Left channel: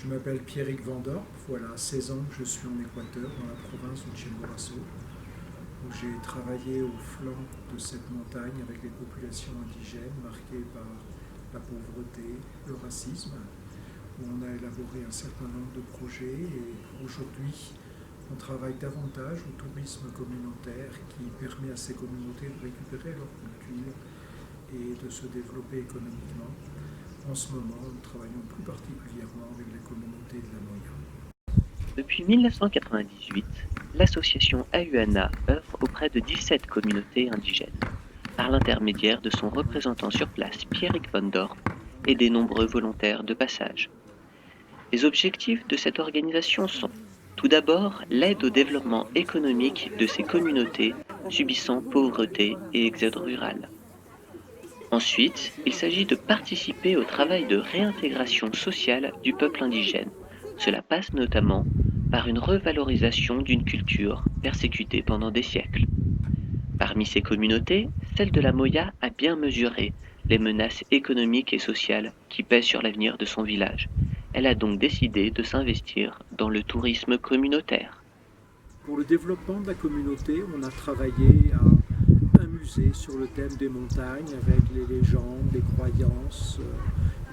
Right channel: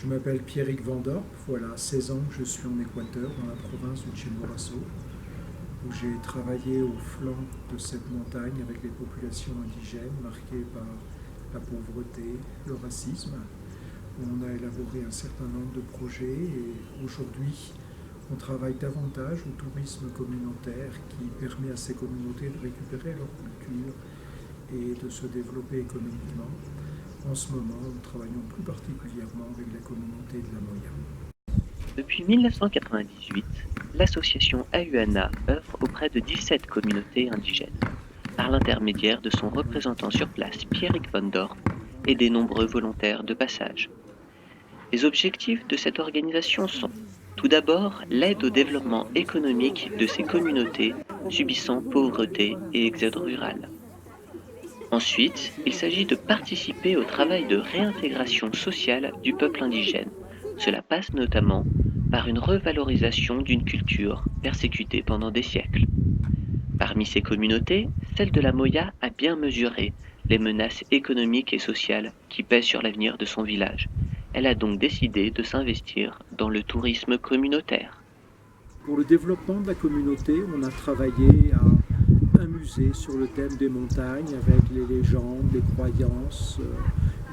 Je m'appelle Pierrick Van Dorp, voilà 16 ans que je suis en Équateur, dans la province du Chimborazo, où j'ai travaillé au flanc de cette montagne avec les populations indigènes marquées par la pauvreté, le racisme, où on a élaboré un certain nombre de projets et aujourd'hui on travaille davantage au tourisme communautaire qui permet à ces communautés de récupérer leur culture et de se développer économiquement. En ce moment, nous travaillons plus particulièrement avec la communauté de la Moya. Depuis 1998, l'association AUANA œuvre auprès de 17 communautés indigènes, par l'intermédiaire de son représentant sur place Pierrick Van Dorp et des nombreux volontaires de passage. Les objectifs de cette organisation sont tout d'abord l'aide au développement économique de ces communautés subissant pauvreté et exode rural. Ensuite, il s'agit de participer au travail de réintégration sociale du peuple indigène. Cela passe notamment par une revalorisation d'une culture persécutée pendant des siècles. Parmi ces communautés, celle de la Moya a bien mesuré les menaces économiques et sociales qui pèsent sur l'avenir de son village. Elle a donc décidé de s'investir dans le tourisme communautaire. Pour le développement de la communauté, on a travaillé à un musée sur le thème des montagnes avec les légendes, les croyances,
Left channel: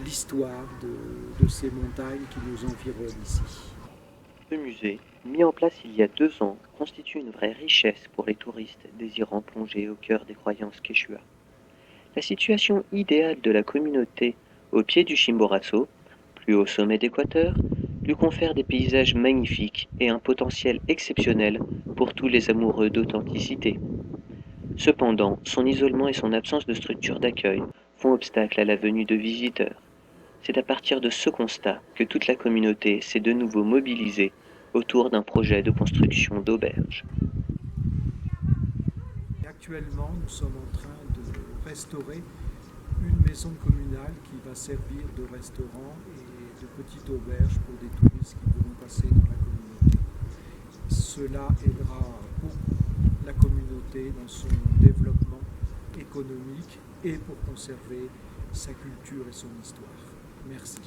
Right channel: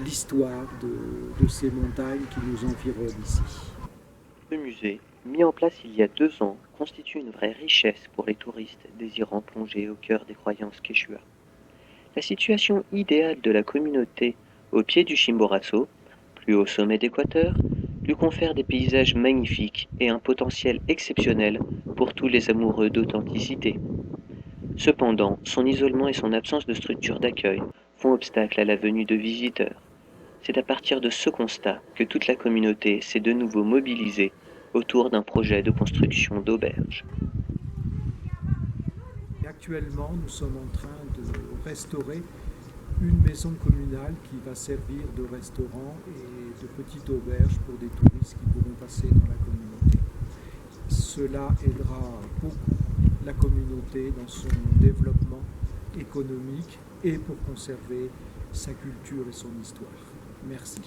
l'histoire de ces montagnes qui nous environnent ici. Ce musée, mis en place il y a 2 ans, constitue une vraie richesse pour les touristes désirant plonger au cœur des croyances quechua. La situation idéale de la communauté au pied du Chimborazo, plus haut sommet d'Équateur, lui confère des paysages magnifiques et un potentiel exceptionnel pour tous les amoureux d'authenticité. Cependant, son isolement et son absence de structure d'accueil font obstacle à la venue de visiteurs. C'est à partir de ce constat que toute la communauté s'est de nouveau mobilisée autour d'un projet de construction d'auberges. Actuellement, nous sommes en train de restaurer une maison communale qui va servir de restaurant et de petite auberge pour des touristes qui pourront passer dans la communauté. Cela aidera beaucoup la communauté dans son développement économique et pour conserver sa culture et son histoire. Merci.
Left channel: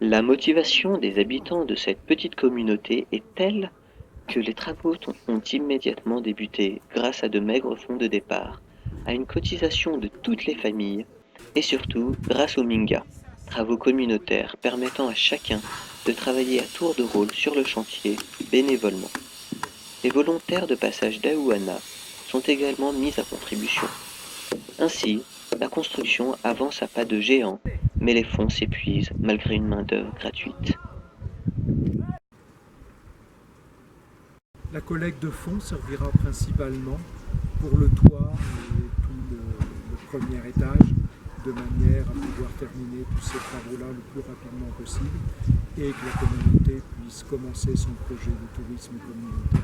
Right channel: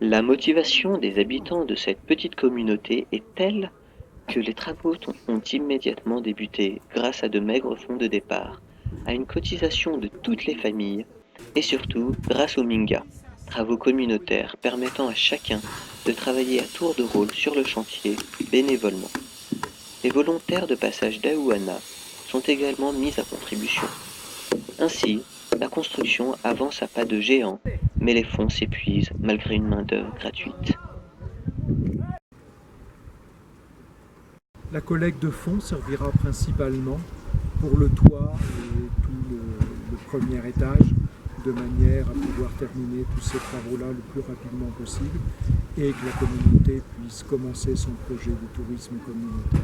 La motivation des habitants de cette petite communauté est telle que les travaux ont immédiatement débuté grâce à de maigres fonds de départ, à une cotisation de toutes les familles et surtout grâce au Minga, travaux communautaires permettant à chacun de travailler à tour de rôle sur le chantier bénévolement. Les volontaires de passage d'Aouana sont également mis à contribution. Ainsi, la construction avance à pas de géant, mais les fonds s'épuisent malgré une main-d'œuvre gratuite. La collecte de fonds servira principalement pour le toit et tout le premier étage, de manière à pouvoir terminer tous ces travaux-là le plus rapidement possible et que la communauté puisse commencer son projet de tourisme communautaire.